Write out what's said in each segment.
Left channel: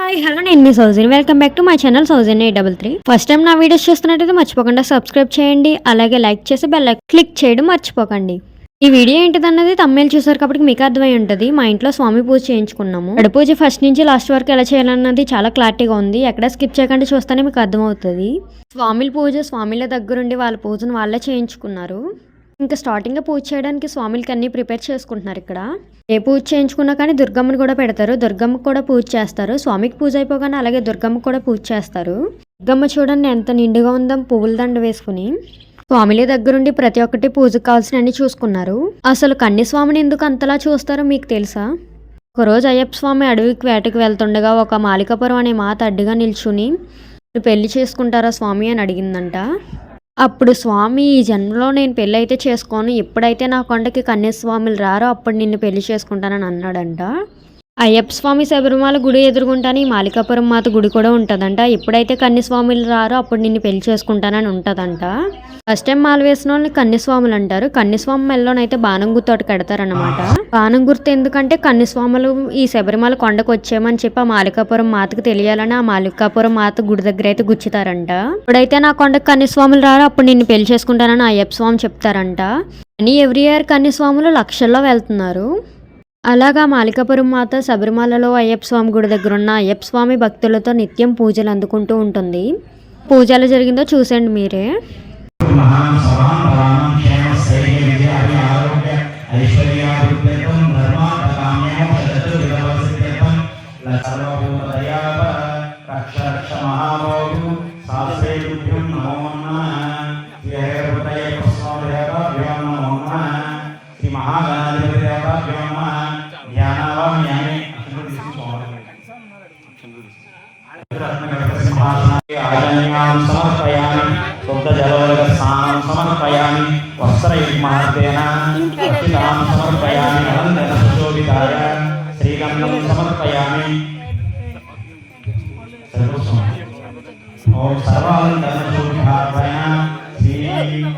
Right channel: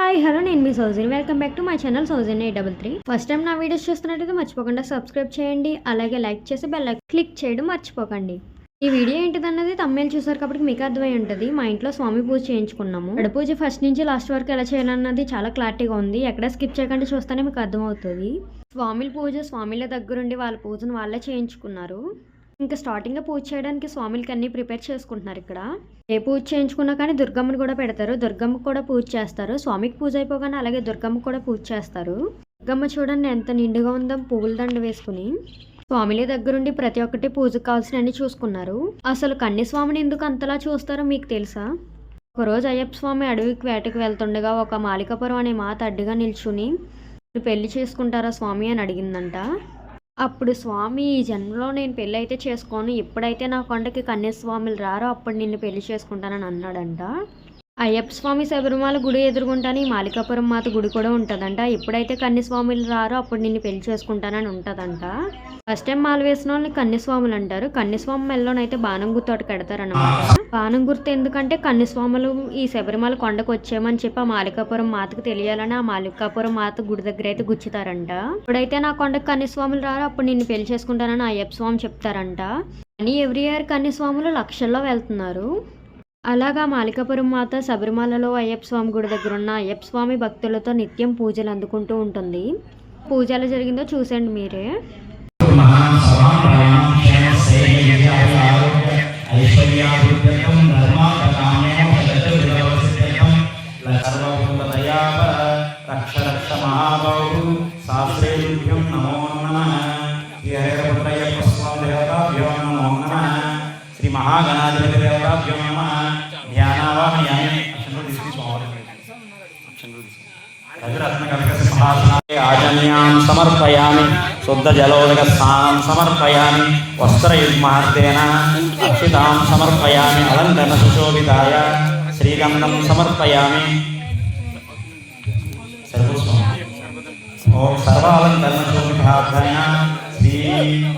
Hi hello నేను మీ Soujan welcome back to my channel Soujan 833. First time నా వీడియోస్ చూస్తున్నట్టయితే మర్చిపోకుండా సబ్స్క్రైబ్ చేయండి, అలాగే లైక్ చేసి బెల్ క్లిక్ చేయడం మర్చిపోకండి. ఈ వీడియో ఏంటిదన్నది తమ్మేలు చూసారు కాబట్టి మీకు అర్థమై ఉంటుంది. మా ఇంట్లో స్వామి పూజ చేయించుకున్నాము. గడ పూజ ఫస్ట్ నుంచి లాస్ట్ వరకు ఎలా చేయాలన్నది చాలా క్లారిటీగా ఉంది. ఎక్కడ స్కిప్ చేయకుండా చూస్తేనే మీకు అర్థమవుతుంది. స్వామిల పూజ స్వామిల దగ్గరుండి వాళ్ళ పూజను వాళ్ళే చేయించుకున్నారు. ఇంకా స్టార్టింగ్గా పూజ చేయడానికి స్వామిలకి అన్నీ ప్రిపేర్ చేసుకుంటున్నారు. ఇక్కడ ఏ పూజ చేయించుకున్నా కానీ దుర్గమ్మని కూడా పెడతారు, దుర్గమ్మకి కూడా పూజ చేస్తారు. స్వామికి పూజ అయిపోగానే అలాగే దుర్గమ్మకి కూడా పూజ చేస్తారు. దుర్గమ్మ చూడండి ఎంత నిండుగా ఉందో పువ్వుల దండ వేసుకుని. స్వామిల దగ్గరుండి ప్రతి ఒక్కటి పూజకు కావాల్సినవన్నీ చూసుకున్నారు. అసలు కన్ని స్వామిని ఎందుకు అంతలా చూస్తారో మీకు తెలుసా? ఒకరోజు అయ్యప్ప స్వామి అడవికి వేటకి వెళ్తుండగా ఒక మాలికాపురం అనే మాత అడ్డుగా నిల్చుని పెళ్లి చేసుకుంటారా స్వామి అని అడిగిందంట. అప్పుడు స్వామి ఈ జన్మలో నేను పెళ్ళి అయితే చేసుకోను, ఎప్పుడైతే నా కొండకి కన్యాస్వాములు రారో అప్పుడు నిన్ను పెళ్లి చేసుకుంటానని అన్నాడంట. అయ్యప్ప స్వామి శబరిమల గుడి ఎదురుగుంటానే ఈ మాలికాపురం మాత గుడి కూడా ఉంటుందంట. ఎప్పుడైతే కన్యాస్వాములు రారో అప్పుడు నిన్ను పెళ్లి చేసుకుంటానని ఉంటుందంట. ఫస్ట్ టైం మాల వేసిన వాళ్ళని కన్యాస్వాములు అంటారు. కన్యాస్వామి మెల్లోనైతే బాణం గుర్తు ఒకటి కడతారనమాట. బాణం గుర్తు ఎందుకంటే కన్యాస్వాములు ఈ శబరిమల కొండకు వచ్చామని చెప్పి ఆ మాలికాపురం మాతకు తెలియాలని ఆ మాలికాపురం మాత గుడి దగ్గర అయితే గుచ్చుతారంట. ఇప్పుడైతే నా కొండకు కన్యాస్వాములు రారో అప్పుడు నిన్ను పెళ్లి చేసుకుంటానని అయ్యప్ప స్వామి చెప్తారంట. అని ఎవ్రీ ఇయర్ కన్యాస్వాములు లక్షల్లో వెళ్తున్నారు. అలాగా మాలికాపురం మాత శబరిమలలో అయ్యప్ప స్వామి గుడి దగ్గర ఉన్న అయ్యప్ప స్వామి భక్తులతో నిత్యం పూజలు అందుకుంటూ ఉంటుంది. పూజ ఎలా జరిగిందో చూసేయండి మీరే. సమర్పయామి శుద్ధ జలోదక స్నానం సమర్పయామి వస్త్రయుగ్మాస్తేన అక్షితాం సమర్పయామి నిరంతర సుశోభితాయ శ్రీగంధం సమర్పయామి ఓం సర్వాలంకరణ శోభితాయ శ్రీ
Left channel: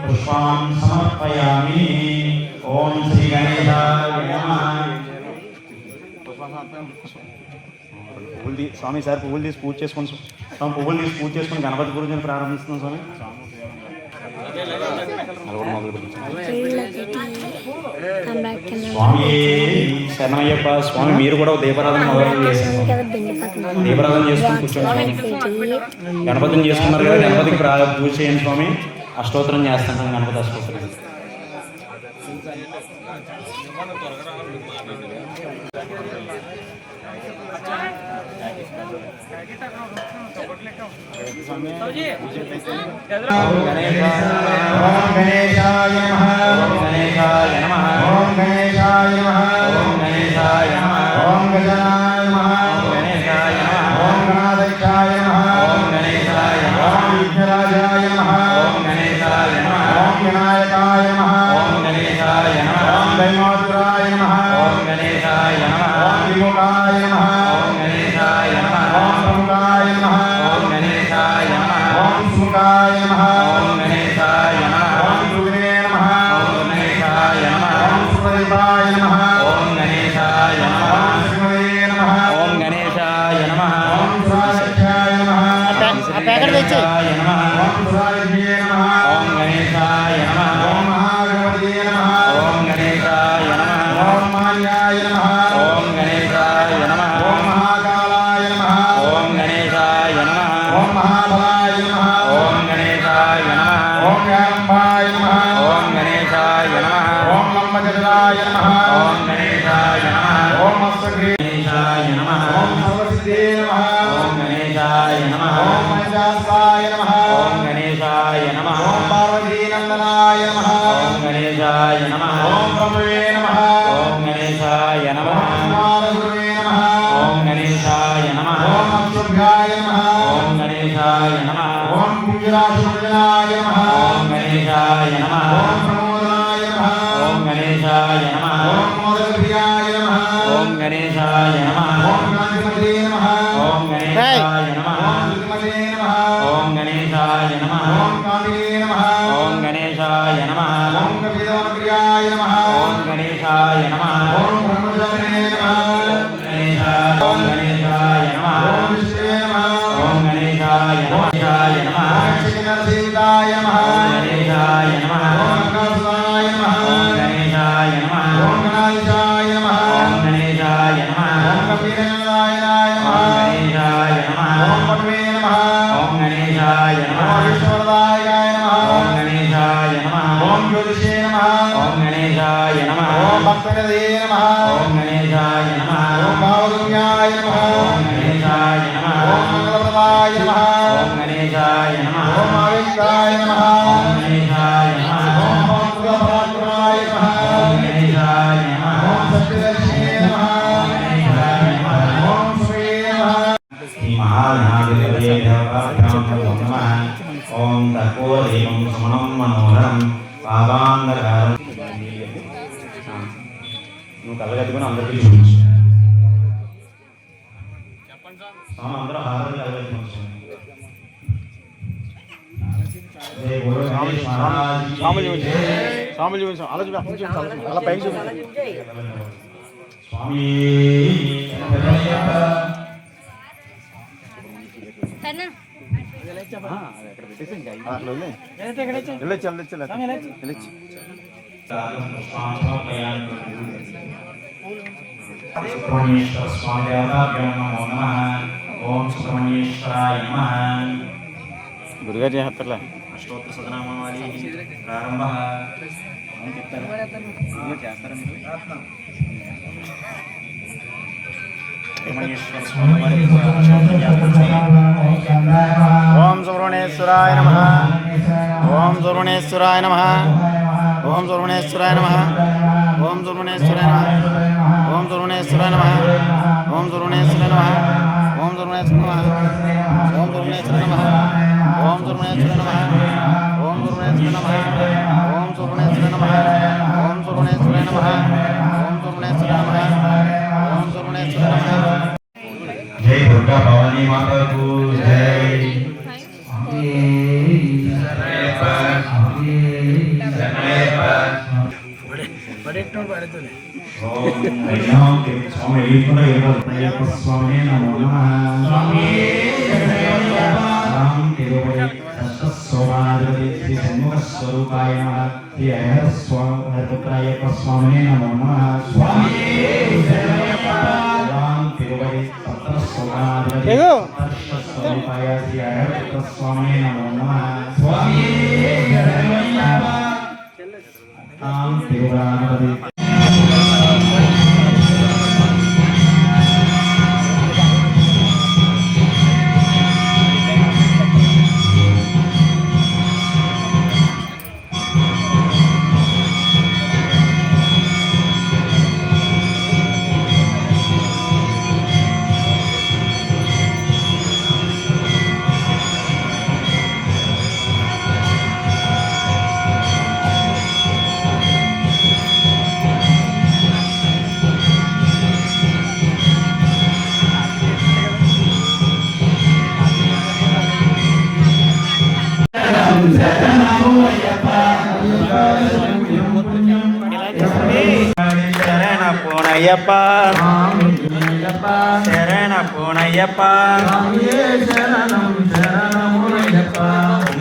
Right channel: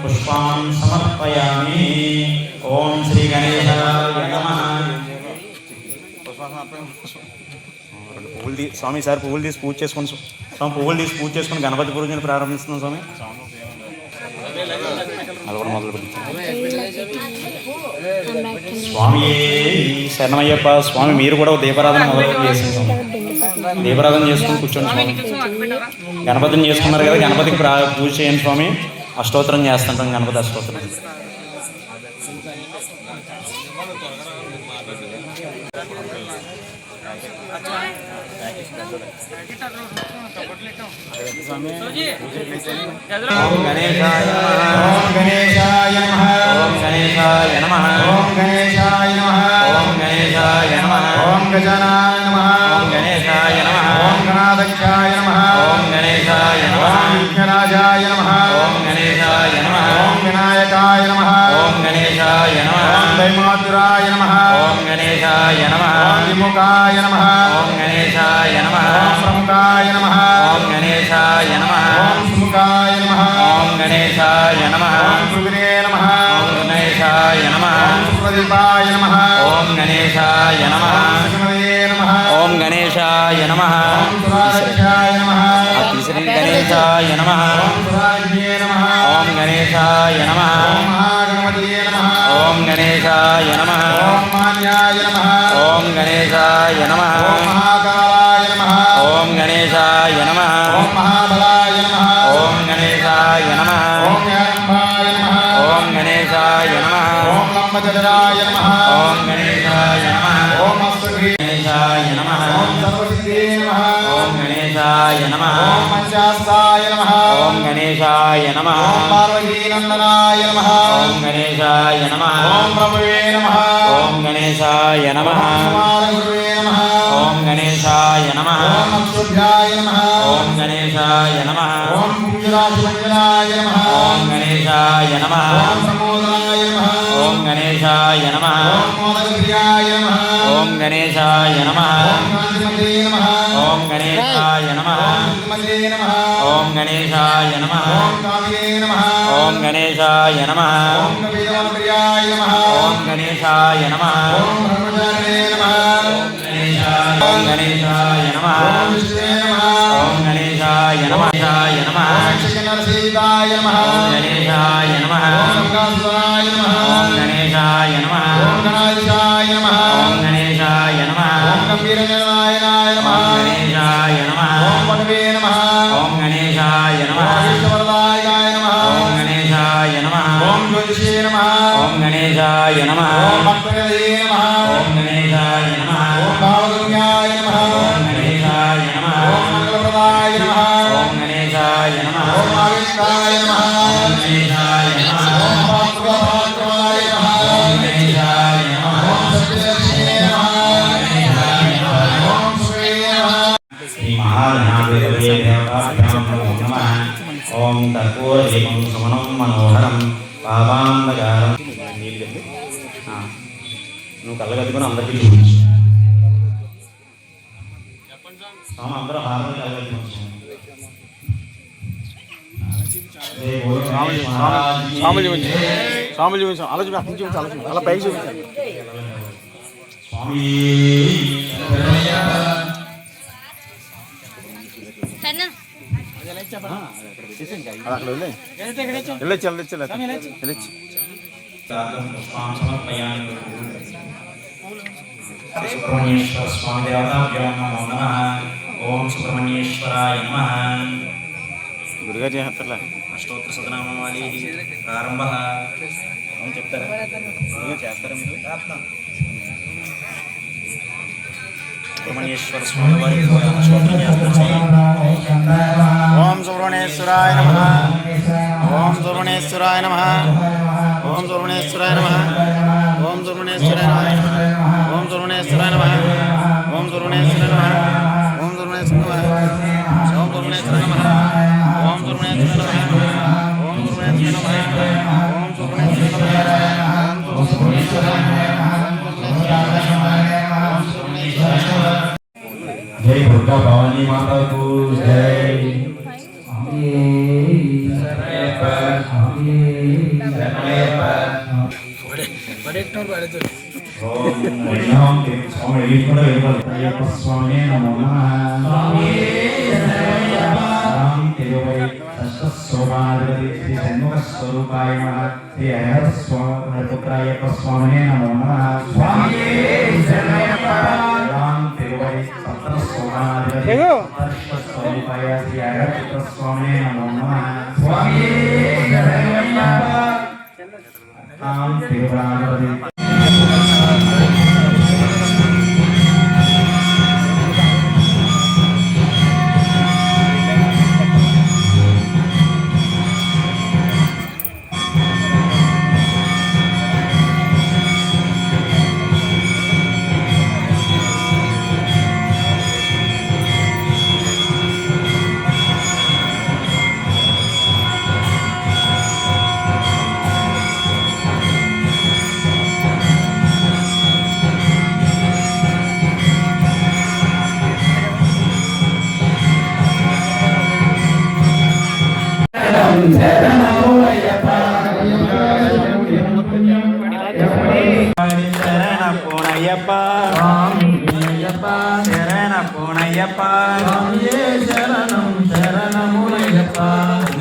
పుష్పాం సమర్పయామి. ఓం శ్రీ గణేశాయ నమః. స్వామి సార్ పువ్వులు తీసి పూజ చేసుకుని స్వామి పువ్వులు తీసి పూజ చేసుకుని గణపతి పూజను ప్రారంభిస్తున్నాం స్వామి. స్వామి శరణమయ్యప్ప. స్వామి మీరు కూడా దీపారాధన దీపారాధన చేసుకుని కూర్చోండి. గణపతిని చేసుకున్నారు కదా, గణపతికి పూజ చేయండి స్వామి. అష్టోత్తరం చేస్తుంటాం, గణపతి అష్టోత్తరం. गणेशाय नमः। దేవతాభ్యాం నమో నమః. ఓం కర్పూరదీపం సుమనం మనోహరం పావాంధకారం. నువ్వు కళ్ళగద్దుకొని అందరికీ చూపించు. అందరూ హారతి కళ్ళగద్దుకోవచ్చు. అలా పైకి చూసి స్వామి సుబ్రహ్మణ్యేశ్వర స్వామి దేవతాభ్యాం నమో నమః. ఓం సుబ్రహ్మణ్యేశ్వరాయ నమః. గురుగారు చేస్తారులే అష్టోత్తర సతనామావళి ప్రారంభ చెప్తారా చేస్తారా మీరు? సుబ్రహ్మణ్యేశ్వర స్వామి వారికి అష్టోత్తరం చేస్తారు. ఓం సుబ్రహ్మణ్యేశ్వరాయ నమః. ఓం సుబ్రహ్మణ్యేశ్వరాయ నమః. ఓం సుబ్రహ్మణ్యేశ్వరాయ నమః. ఓం సుబ్రహ్మణ్యేశ్వరాయ నమః. ఓం సుబ్రహ్మణ్యేశ్వరాయ నమః. ఓం సుబ్రహ్మణ్యేశ్వరాయ నమః. ఓం సుబ్రహ్మణ్యేశ్వరాయ నమః. ఓం సుబ్రహ్మణ్యేశ్వరాయ నమః. ఓం సుబ్రహ్మణ్యేశ్వరాయ నమః. ఓం సుబ్రహ్మణ్యేశ్వరాయ నమః. ఓం సుబ్రహ్మణ్యేశ్వరాయ నమః. ఓం సుబ్రహ్మణ్యేశ్వరాయ నమః. జై దుర్గా భవానీ మాతాకు జై. స్వామి నమో నమః. శ్రీ షణ్ముఖ స్వరూపాయ నమః. శ్రీ హరిపుత్రాయప్ప స్వామినే నమో నమః. తిరువడి సప్త స్వమాధిపతి స్వరూపాయ శ్రీ హరిపుత్ర స్వామినే నమో నమః. తిరువడాధిపతి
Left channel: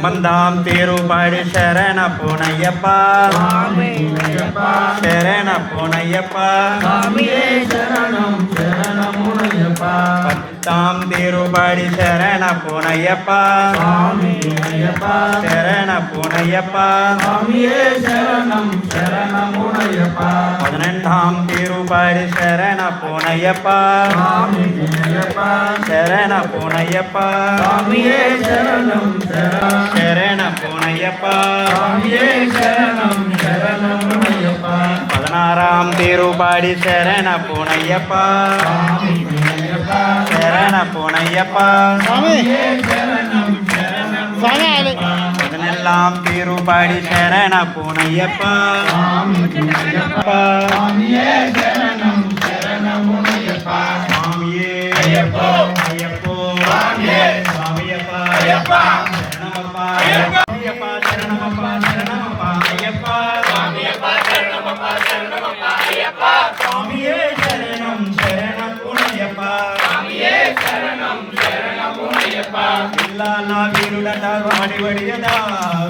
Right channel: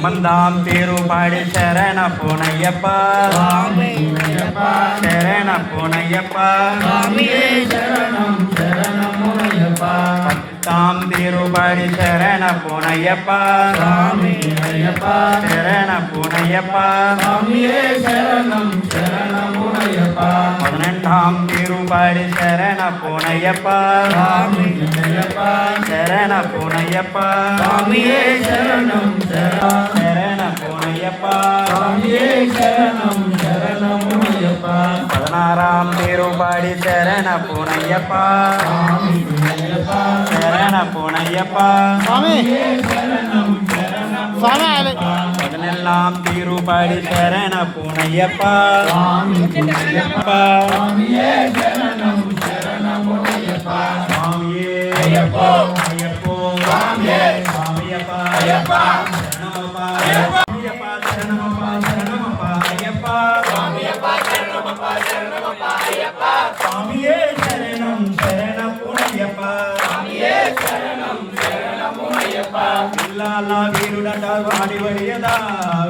మందాం పేరు పాడి శరణ పూనయ్యప్ప. శరణ పూనయ్యప్ప. తాం పేరు పాడి శరణ పూనయ్యప్ప. శరణ పూనయ్యప్ప. పన్నెండాం పేరు పాడి శరణ పూనయ్యప్ప. శరణ పూనయ్యప్ప. శరణ పూనయ్యప్ప. పదనారాం పేరు పాడి శరణ పూనయ్యప్ప. శరణ పూనయ్యప్ప. పదనెల్లాం పేరు పాడి శరణ పూనయ్యప్ప. అయ్యప్పో అయ్యప్పో స్వామియప్ప అయ్యప్ప శరణమప్ప అయ్యప్ప శరణమప్ప శరణమప్ప అయ్యప్ప స్వామియప్ప శరణమప్ప శరణమప్ప అయ్యప్ప స్వామియే శరణం శరణపునయ్యప్ప స్వామియే శరణం శరణపునయ్యప్ప పిల్లాల వీరుడట వాడి వడియదా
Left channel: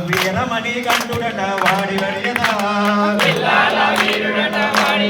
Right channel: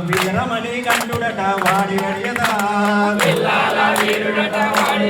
వీరమణి కంఠుడట వాడి వడియదా పిల్లాల వీరుడట వాడి